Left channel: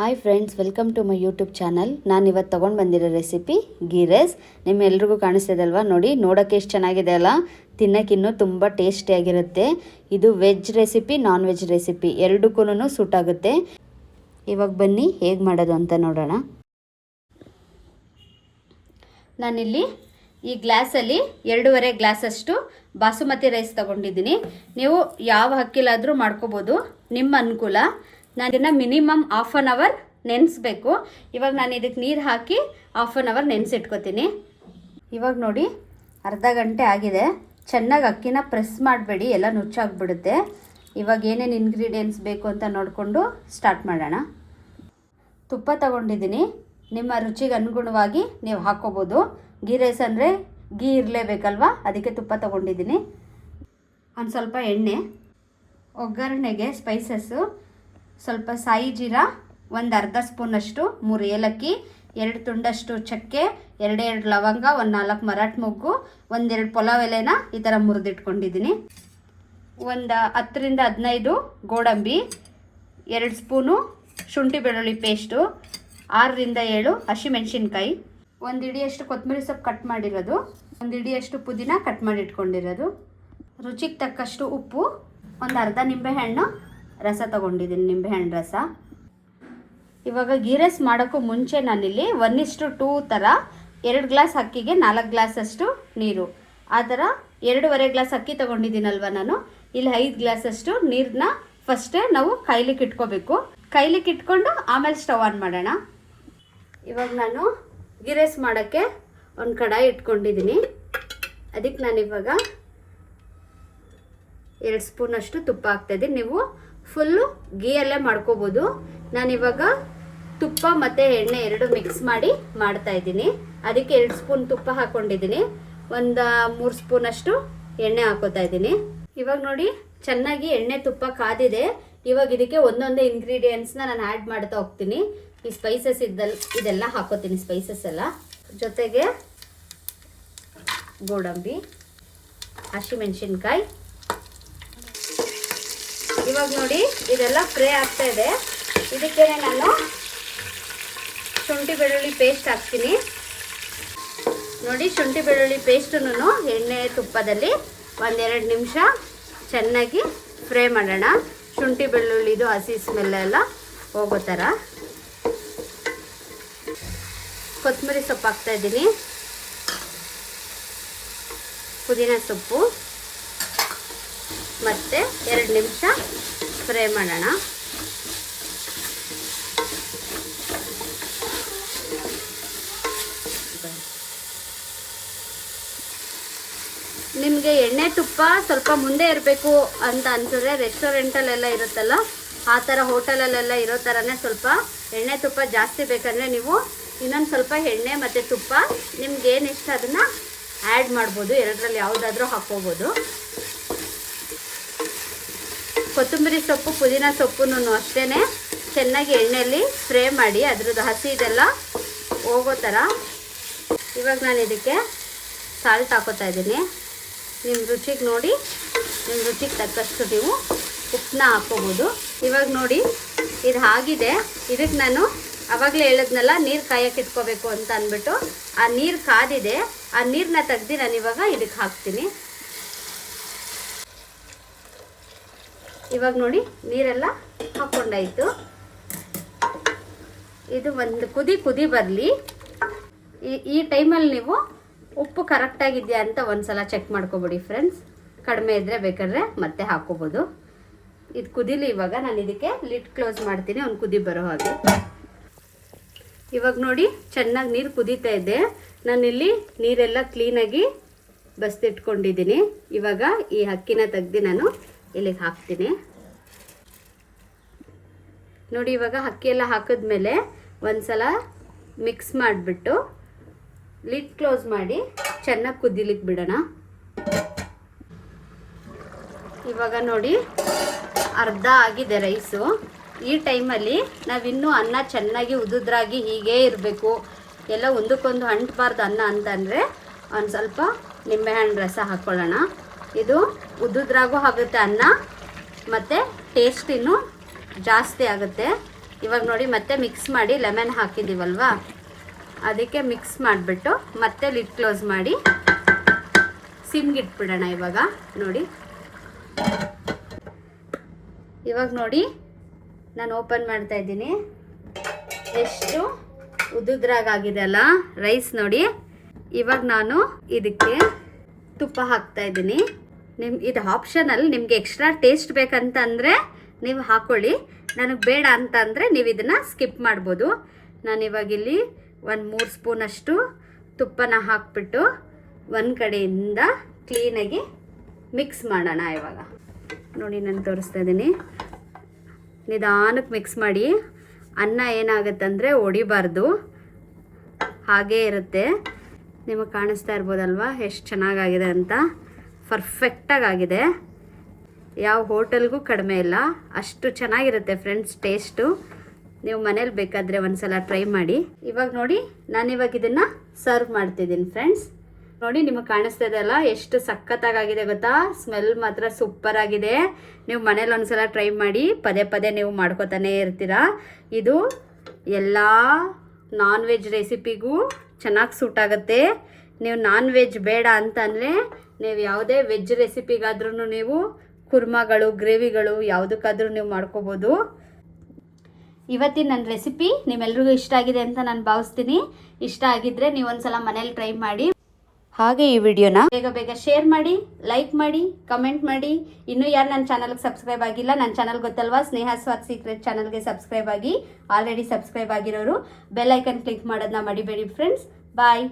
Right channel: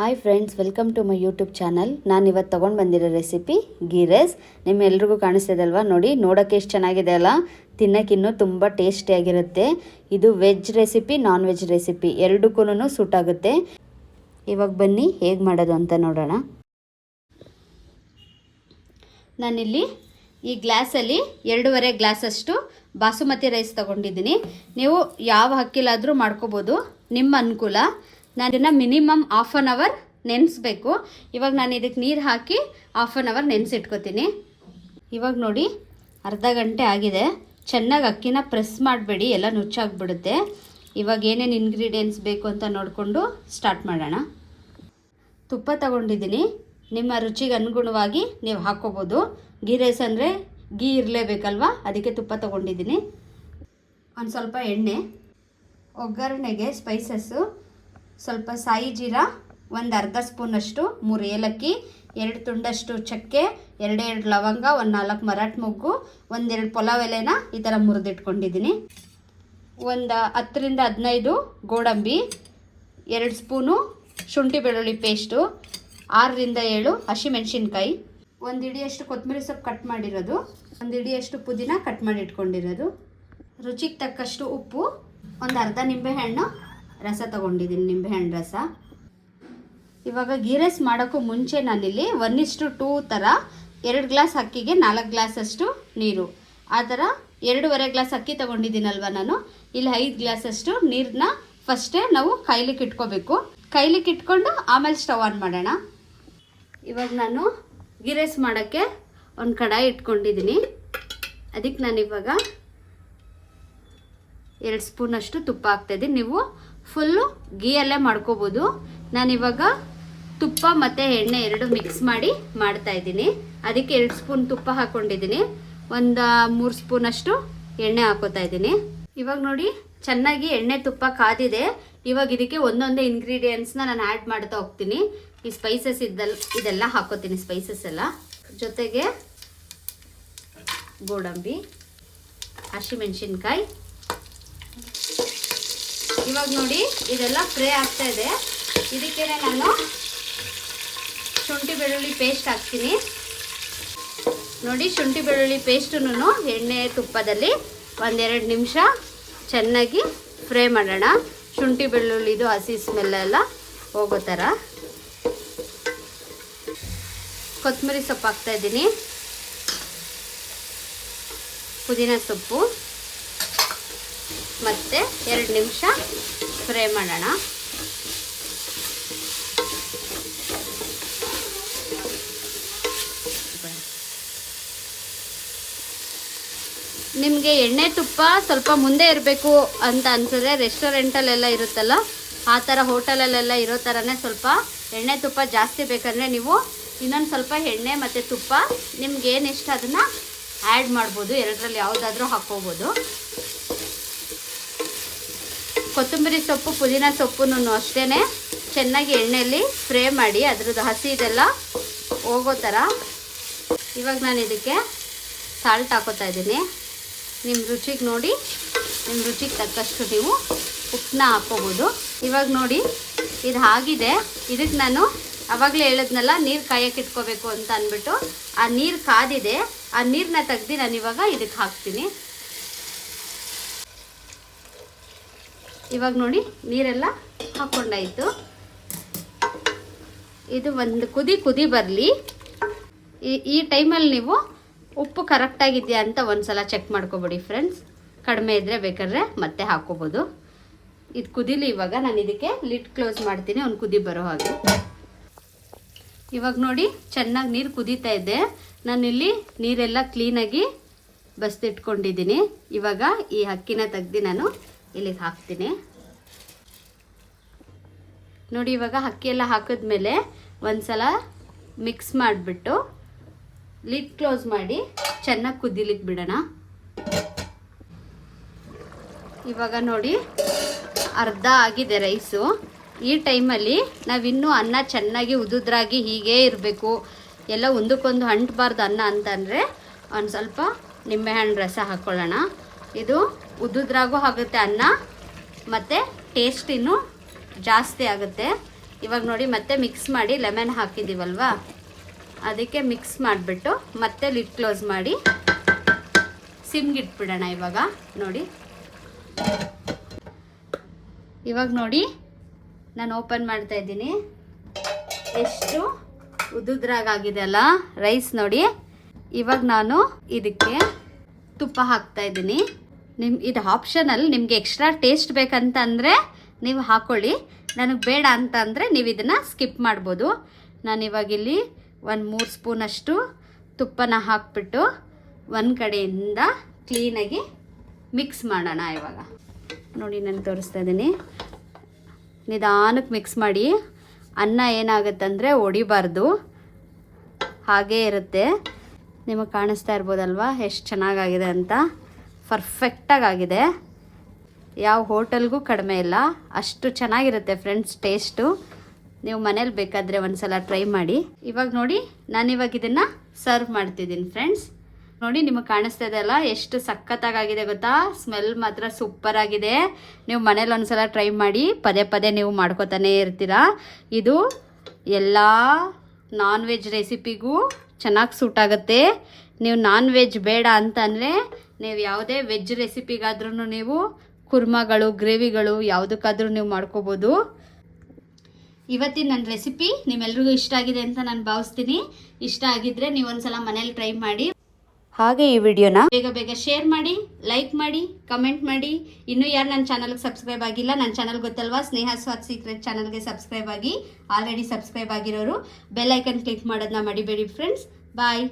Hi friends, welcome to my YouTube channel. ನಾನು ಇವತ್ತು ತೊಗೊಂಡು ಬಂದಿರೋ ರೆಸಿಪಿ ಗೀ ರೈಸ್. ನಿಮ್ಮೆಲ್ರಿಗೂ ಕಾಣಿಸ್ತಿದಲ್ವಾ? ನೋಡಿ, ನೋಡೋಕ್ಕೆ ಎಷ್ಟು ಚೆನ್ನಾಗಿದೆ ಅಲ್ಲ. ತಿನ್ನೋಕ್ಕಿನ್ನೂ ತುಂಬ ಟೇಸ್ಟಿಯಾಗಿರುತ್ತೆ. ಇದು veg recipe, non veg recipe ಎರಡಕ್ಕೂ ಸೂಟ್ ಆಗುತ್ತೆ. ಇವಾಗ ಬನ್ನಿ ಹೇಗೆ ಮಾಡೋದು ಅಂತ ನೋಡೋಣ. ನಾನಿಲ್ಲಿ ಈ ಗ್ಲಾಸಲ್ಲಿ 2.5 ಗ್ಲಾಸಷ್ಟು ಬಾಸುಮತಿ ರೈಸ್ ತೊಗೊಂಡಿದ್ದೀನಿ. ನೀವು ಯಾವ ಅಕ್ಕಿಲಾದರೂ ಮಾಡ್ಕೋಬೋದು, ನಿಮ್ಮ ಅನುಕೂಲ. ನಾನು ಇದನ್ನು ಮಿನಿಮಮ್ 1/2 ಅವರ್ ನೆನೆಸ್ಬೇಕು. ಇವಾಗ ನಾನು ಇದಕ್ಕೆ ನೀರು ಹಾಕಿ 1/2 ಅವರ್ ನೆನೆಸಿಟ್ಕೋತೀನಿ. ಇವಾಗ ನೋಡಿ, ಅರ್ಧ ಗಂಟೆ ಆಗಿದೆ. ಚೆನ್ನಾಗಿ ಅಕ್ಕಿನ ಪ್ರೆಸ್ ಮಾಡಬೇಡಿ, ಎಲ್ಲ ನುಚ್ಚಾಗ್ಬಿಡುತ್ತೆ. ಇವಾಗ ಏನೇನು ಇಂಗ್ರೀಡಿಯೆಂಟ್ಸ್ ಬೇಕು ಅಂತ ನೋಡಿಕೊಂಡು ಸ್ಟಾರ್ಟ್ ಮಾಡೋಣ. ತುಪ್ಪ ತಗೊಂಡಿದ್ದೀನಿ, ನಿಮ್ಮ ರುಚಿಗೆ ಅನುಗುಣವಾಗಿ ನೀವು ಹಾಕ್ಕೋಬೋದು. ಗೀ ರೈಸ್ ಅಂದರೆ ಗೀ ಇರಲೇಬೇಕಲ್ವ, ಅದಕ್ಕೆ ತುಪ್ಪ ತಗೊಂಡಿದ್ದೀನಿ. ಒಂದು ಸ್ವಲ್ಪ ಎಣ್ಣೆ, ಒಗ್ಗರಣೆಗೆ ಸ್ಪೈಸಸ್ಸು, ಸ್ವಲ್ಪ ಸಾಯಿ ಜೀರಾ, ಒಂದು ಅರ್ಧ ಸ್ಪೂನಷ್ಟು, 3 ಏಲಕ್ಕಿ, 2 ತುಂಡಷ್ಟು ಚಕ್ಕೆ, 2 ಲವಂಗ, 4 ಮರಾಠಿ ಮೊಗ್ಗು, 1-2 ಪಲಾವ್ ಎಲೆನ ಈ ಥರ ಮುರಿದಿಟ್ಕೊಂಡಿದ್ದೀನಿ. ಒಂದು 10ರಿಂದ 15 ಗೋಡಂಬಿ, 2 ಸ್ಪೂನು ಶುಂಠಿ ಬೆಳ್ಳುಳ್ಳಿ ಪೇಸ್ಟು, 6ರಿಂದ 7 ಹಸಿಮೆಣಸಿನ್ಕಾಯಿ, 1 ಹಿಡಿಯಷ್ಟು ಕೊತ್ತಂಬರಿ ಸೊಪ್ಪು ಕಟ್ ಮಾಡಿರೋದು, 1 ಹಿಡಿಯಷ್ಟು ಪುದೀನ ಕಟ್ ಮಾಡಿ ಇಟ್ಕೊಂಡಿರೋದು, ರುಚಿಗೆ ತಕ್ಕಷ್ಟು ಉಪ್ಪು, ಒಂದು ಅರ್ಧ ನಿಂಬೆಹಣ್ಣು ರಸ ತೊಗೊಂಡಿದ್ದೀನಿ, ನಿಂಬೆಹಣ್ಣು ರಸ. ಇವಾಗ ಗೀ ರೈಸ್ ಮಾಡೋಕ್ಕೂ ಮುಂಚೆ ನಾನಿಲ್ಲಿ 1:2 ಥರ 2 ಗ್ಲಾಸ್ ಅಕ್ಕಿಗೆ 4 ಗ್ಲಾಸಷ್ಟು ನೀರು, ಆ ಥರ 2.5 ಗ್ಲಾಸ್ ಅಕ್ಕಿ ತೊಗೊಂಡಿದ್ದೀನಲ್ವ ನಾನು. ಇಲ್ಲಿ 5 ಗ್ಲಾಸಷ್ಟು ನೀರನ್ನ ಫಸ್ಟೇ ನಾವು ಕೈಲಿಕ್ಕೆ ಇಟ್ಕೋಬೇಕು. ಕೈಲಿಕ್ಕೆ ಇಟ್ಕೊಂಡು ಆಮೇಲೆ ಸ್ಟವ್ ಆನ್ ಮಾಡೋಣ. ಇವಾಗ ನಾನು ಗೀ ರೈಸ್ ಮಾಡೋಕ್ಕೆ ಒಂದು ಕಡಾಯಿ ಇಟ್ಕೊಂಡಿದ್ದೀನಿ. ಅದಕ್ಕೆ ನಾನಿವಾಗ 2 ಸ್ಪೂನಷ್ಟು ತುಪ್ಪ ಹಾಕ್ತಾಯಿದ್ದೀನಿ. ನೀವು ಫುಲ್ಲು ಗೀಯಲ್ಲೇ ಮಾಡ್ಕೋಬೋದು. ನಾನಿವಾಗ ತುಪ್ಪ ಮತ್ತು ಎಣ್ಣೆ 2 ಮಿಕ್ಸ್ ಮಾಡಿ ಮಾಡ್ತಾಯಿದ್ದೀನಿ. ಅದಕ್ಕೆ 2 ಸ್ಪೂನ್ ತುಪ್ಪ ಹಾಕ್ಕೊಂಡಿದ್ದೀನಿ, ಒಂದು 3 ಸ್ಪೂನಷ್ಟು ಎಣ್ಣೆ ಹಾಕೋತಾ ಇದ್ದೀನಿ. ಇವಾಗ ನೋಡಿ, ಚೆನ್ನಾಗಿ ಎಣ್ಣೆ ತುಪ್ಪ ಕಾದಿದೆ. ಇವಾಗ ಇದಕ್ಕೆ ಒಂದೊಂದೇ ಇಂಗ್ರೀಡಿಯೆಂಟ್ಸ್ನ ನಾನು ಆ್ಯಡ್ ಮಾಡ್ತಾ ಹೋಗ್ತೀನಿ. ಈ ಸ್ಪೈಸಸ್ ಇದೆಲ್ಲ ಹಾಕೋತೀನಿ, ಸ್ಪೈಸಸ್ ಎಲ್ಲ. ಜೊತೆಗೆ ಗೋಡಂಬಿ, ಹಸಿಮೆಣಸಿನ್ಕಾಯಿ. ಇವಾಗ ನೋಡಿ, ಇದೆಲ್ಲ ಫ್ರೈ ಆಗ್ತಾ ಇದೆ. ಇದಕ್ಕೆ ನಾನು ಶುಂಠಿ ಬೆಳ್ಳುಳ್ಳಿ ಪೇಸ್ಟ್ ಹಾಕ್ತೀನಿ. ನೋಡಿ, ಶುಂಠಿ ಬೆಳ್ಳುಳ್ಳಿ ಪೇಸ್ಟನ್ನು ಎಣ್ಣೆ ತುಪ್ಪದಲ್ಲಿ 1-2 ನಿಮಿಷ ಚೆನ್ನಾಗಿ ಫ್ರೈ ಮಾಡೋಣ. ಶುಂಠಿ ಬೆಳ್ಳುಳ್ಳಿದು ಹಸಿ ಸ್ಮೆಲ್ಲೆಲ್ಲ ಹೋಗೋ ಥರ. ಕೊತ್ತಂಬರಿ ಸೊಪ್ಪು ಹಾಕ್ತಾಯಿದ್ದೀನಿ, ಪುದೀನ ಸೊಪ್ಪು, ಮತ್ತು 2 ನಿಮಿಷ ಫ್ರೈ ಮಾಡೋಣ. ನಿಮಗೆ ಎಣ್ಣೆ ತುಪ್ಪ ಸ್ವಲ್ಪ ಮುಂದೆ ಇರಬೇಕು ಅಂತ ಅನ್ಸಿದ್ರೆ ರೆಸ್ಟೋರೆಂಟಲ್ಲೆಲ್ಲ ಇರುತ್ತಲ್ಲ, ಆ ಥರ ಹೋಟೆಲಲ್ಲೆಲ್ಲ ಇರೋ ಥರನೇ ಸ್ವಲ್ಪ ಎಣ್ಣೆ ತುಪ್ಪ ಜಾಸ್ತಿ ಬೇಕಂದರೆ ನೀವು ಇನ್ನೊಂದು ಸ್ವಲ್ಪ ಎಣ್ಣೆ ಮತ್ತು ತುಪ್ಪ ನಿಮ್ಗೆ ಏನು ಇಷ್ಟ ಅದನ್ನು ಆ್ಯಡ್ ಮಾಡ್ಬೋದು. 2ರಲ್ಲಿ ಯಾವುದಾದ್ರೂ ಹಾಕ್ಕೋಬೋದು. ಕೊತ್ತಂಬರಿ ಸೊಪ್ಪು, ಪುದೀನ ಸೊಪ್ಪನ್ನು ಅಷ್ಟೇ ಚೆನ್ನಾಗಿ ಎಣ್ಣೆಯಲ್ಲಿ ಫ್ರೈ ಮಾಡಿ ಅದ್ರದ್ದು ಹಸಿ ಇದೆಲ್ಲ ಹೋಗೋ ಥರ. ಇವಾಗ ನಾನು ಇದಕ್ಕೆ ಸಾಲ್ಟ್ ಹಾಕೋತಾ ಇದ್ದೀನಿ. ನಿಮ್ಮ ರುಚಿಗೆ ನೋಡಿ, ನಿಮ್ಮ ರುಚಿಗೆ ತಕ್ಕಷ್ಟು ನೀವು ಉಪ್ಪನ್ನ ಹಾಕ್ಕೋಬೋದು. ಇವಾಗ ನೋಡಿ, ಇದು ಆಗಿದೆ. ಇದಕ್ಕೆ ನಾನು ಆವಾಗಲೇ ಹೇಳಿದ್ನಲ್ಲ, ನೀರು ಕಾಯಕ್ಕೆ ಇಟ್ಕೋಬೇಕು ಅಂತ ಅಂದ್ಬಿಟ್ಟು, ಆ ನೀರು ಕಾದಿದೆ. ಆ ನೀರನ್ನ ತೆಗ್ದು ನಾನು ಇವಾಗ ಇದಕ್ಕೆ ಹಾಕ್ತೀನಿ. ಇವಾಗ ನೋಡಿ, ನೀರೆಲ್ಲ ಹಾಕ್ಕೊಂಡಾಯಿತು. ಇದು ಒಂದು ಕುದಿ ಬರಲಿ. ಈ ಟೈಮಲ್ಲಿ ನೀವು ಉಪ್ಪು ಕರೆಕ್ಟಾಗಿದೆಯಾ ಅಂತ ಒಂದು ಸಲ ಚೆಕ್ ಮಾಡ್ಕೊಬಿಡಿ ಫ್ರೆಂಡ್ಸ್. ಕಡಿಮೆ ಇದ್ದರೆ ಬೇಕಾದ್ರೆ ಮತ್ತೆ ಹಾಕ್ಕೋಬೋದು. ಇದು ಕುದೀಲಿ. ಇವಾಗ ನಾನು ಇದಕ್ಕೆ ಲಿಡ್ ಕ್ಲೋಸ್ ಮಾಡ್ತೀನಿ, ಒಂದು ಕುದಿ ಬರೋ ಹಾಗೆ. ಇವಾಗ ನೋಡಿ, ಚೆನ್ನಾಗಿ ನೀರು ಕುದೀತಾ ಇದೆ. ನಾನಿಲ್ಲಿ ನೀರೆಲ್ಲ ಕ್ಲೀನಾಗಿ ಬಸ್ದಿಟ್ಕೊಂಡಿದ್ದೀನಿ. ಇವಾಗ ಈ ಅಕ್ಕಿನ ತೆಗ್ದು ನಾನು ಇಲ್ಲಿಗೆ ಹಾಕ್ತೀನಿ. ನೋಡಿ, ಇವಾಗ ಅಕ್ಕಿ ಎಲ್ಲ ಹಾಕಿದ್ಮೇಲೆ ಒಂದು ಸಲ ಮಿಕ್ಸ್ ಮಾಡಿಬಿಟ್ಟು ಲಿಡ್ ಕ್ಲೋಸ್ ಮಾಡಿ ಚೆನ್ನಾಗಿ ಕುದಿಲಿಕ್ಕೆ ಬಿಡೋಣ. ಇವಾಗ ನೋಡಿ, ಅರ್ಧ ಆಗಿದೆ ರೈಸು. ಈ ಟೈಮಲ್ಲಿ ನಾವಿನ್ನೂ ಅನ್ನ ಚೆನ್ನಾಗಿ ಉದುದ್ರಾಗಿ ಹೀಗೇ ಇರಬೇಕು, ಎಲ್ಲ ಒಂದಕ್ಕೊಂದು ಅಂಟಬಾರ್ದು ಅನ್ನ ಅಂತಂದರೆ ಒಂದು ಸ್ವಲ್ಪ ನಿಂಬೆಹಣ್ಣು ರಸ ಹಾಕ್ಕೊಳ್ಳೋಣ. ಇದು ಉದುದ್ರಾಗೂ ಆಗುತ್ತೆ ಅನ್ನ, ಮತ್ತು ಟೇಸ್ಟ್ ಇನ್ನೂ ಜಾಸ್ತಿ ಆಗುತ್ತೆ. ಇವಾಗ ನೋಡಿ ಮತ್ತೆ ಮಿಕ್ಸ್ ಮಾಡಿ ಲೆಮನ್ ಹಾಕಿದ್ದೀವಲ್ವಾ, ಅದಕ್ಕೆ ಮಿಕ್ಸ್ ಮಾಡಿಬಿಟ್ಟು ಮತ್ತೆ ಲಿಡ್ ಕ್ಲೋಸ್ ಮಾಡಿ ಸಿಮ್ಗಿಟ್ಬಿಡೋಣ. ಇವಾಗ ನೋಡಿ ನಾನು ಓಪನ್ ಮಾಡ್ತಾ ಇದ್ದೀನಿ. ಎಷ್ಟು ಉದುದ್ರಾಗಿದೆ ಅಲ್ಲ ರೈಸ್ ನೋಡಿ. ಇವಾಗ ನಾನು ಇದಕ್ಕೆ ತುಪ್ಪ ಹಾಕ್ತಾ ಇದ್ದೀನಿ. ಇದು ಆಪ್ಷನಲ್, ನಿಮಗೆ ಎಕ್ಸ್ಟ್ರಾ ಟೇಸ್ಟ್ ಬೇಕಂತಂದರೆ ನೀವು ಹಾಕ್ಕೊಳ್ಳಿ, ನನಗೆ ಬೇಡ ಅಂತ ಅಂದರೆ ನೀವು ಇದನ್ನು ಸ್ಕಿಪ್ ಮಾಡ್ಬೋದು. ನಾನಿವಾಗ ಇಲ್ಲಿ 1-3 ಸ್ಪೂನಷ್ಟು ತುಪ್ಪನ ಹಾಕ್ಬಿಟ್ಟು ಒಂದು ಕಡೆಯಿಂದ ಕ್ಲೀನಾಗಿ ಮಿಕ್ಸ್ ಮಾಡೋಣ. ಇವಾಗ ನೋಡಿ ನಾನು ತೋರಿಸ್ತಾ ಇದ್ದೀನಿ. ನಿಧಾನಕ್ಕೆ ಮಿಕ್ಸ್ ಮಾಡಿ. ಅನ್ನ ಏನಾಗುತ್ತಂದರೆ ಒಡಿಬಾರ್ದು, ಹಾಗೇ ಇರುತ್ತೆ. ನಿಮಗೆ ಕಾಣಿಸ್ತಾ ಇರ್ಬೋದಲ್ವ ಎಷ್ಟು ಚೆನ್ನಾಗಾಗಿದೆ ಅಂತ. ಪರ್ಫೆಕ್ಟಾಗಿದೆ, ಯಾವ ಹೋಟೆಲ್ಗೂ ಕಡಿಮೆ ಇಲ್ಲ, ಅಷ್ಟು ಚೆನ್ನಾಗಿರುತ್ತೆ ಫ್ರೆಂಡ್ಸ್ ಟೇಸ್ಟು. ನೀವು ಮನೇಲಿ ಬೇಕಾದರೆ ಒಂದ್ಸಲ ಟ್ರೈ ಮಾಡಿ. ಇವಾಗ ನೋಡಿ ನಾನಿವಾಗ ಇದನ್ನು ಸರ್ವ್ ಮಾಡ್ತಿದ್ದೀನಿ ಫ್ರೆಂಡ್ಸ್. ನೋಡಿ ನಿಮಗೆ ಕಾಣಿಸ್ತಾ ಇದೆ ಅಲ್ಲ ಎಷ್ಟು ಸಖತ್ತಾಗಿದೆ ಗೊತ್ತಾ. ಸ್ಮೆಲ್ ಮಾತ್ರ ಸೂಪರ್ ಆಗಿದೆ. ನೀವು ಮನೇಲಿ ಒಂದ್ಸಲ ಟ್ರೈ ಮಾಡಿ, ಪದೇ ಪದೇ ನೀವು ಮಾಡ್ಕೋತಾನೆ ಇರ್ತೀರಾ. ಇದು ಎಲ್ಲ ನಾನ್ ವೆಜ್ ರೆಸಿಪಿಗೂ ಚೆನ್ನಾಗಿ ಸೂಟ್ ಆಗುತ್ತೆ. ನೀವು ನಾನ್ ವೆಜ್ ಬೇಡ ಅಂತಂದರೆ ನೀವು ಯಾವುದೇ ವೆಜ್ ರೆಸಿಪಿಗಾದ್ರೂ ನೀವು ಕುರ್ಮಾಗಳು, ಗ್ರೇವಿಗಳು ಯಾವುದಕ್ಕಾದ್ರೂ ನೀವು ಮಾಡ್ಕೋಬೋದು. ಇವತ್ತಿನ ನನ್ನ ರೆಸಿಪಿ ನಿಮ್ಮೆಲ್ರಿಗೂ ಇಷ್ಟ ಆಗಿದೆ ಅಂತ ನಾನು ಭಾವಿಸ್ತೀನಿ. ಇಷ್ಟ ಆಗಿದ್ದರೆ ನೀವು ಒಂದ್ಸಲ ಮನೇಲಿ ಟ್ರೈ ಮಾಡಿ. ಹಾಗೆ ಈ ವಿಡಿಯೋನ ಬೇಗ ಶೇರ್ ಮಾಡಿ, ಲೈಕ್ ಮಾಡಿ, ಕಮೆಂಟ್ ಮಾಡಿ. ಇನ್ನೂ ಯಾರು ನನ್ನ ಚಾನಲ್ಗೆ ಸಬ್ಸ್ಕ್ರೈಬ್ ಆಗಿಲ್ಲ, ನನ್ನ ಚಾನಲ್ ಗೊತ್ತಲ್ವಾ, ಸ್ನೇಹ ಸ್ವಾದ್ ಸೀಕ್ರೆಟ್ ಚಾನಲ್ಗೆ ಸಬ್ಸ್ಕ್ರೈಬ್ ಆಗಿ. ಆಲ್ರೆಡಿ ಸಬ್ಸ್ಕ್ರೈಬ್ ಆಗಿರೋರು ಬೆಲ್ ಐಕನ್ ಕ್ಲಿಕ್ ಮಾಡೋದನ್ನ ಮಡಿಬೇಡಿ ಫ್ರೆಂಡ್ಸ್. ಬಾಯ್.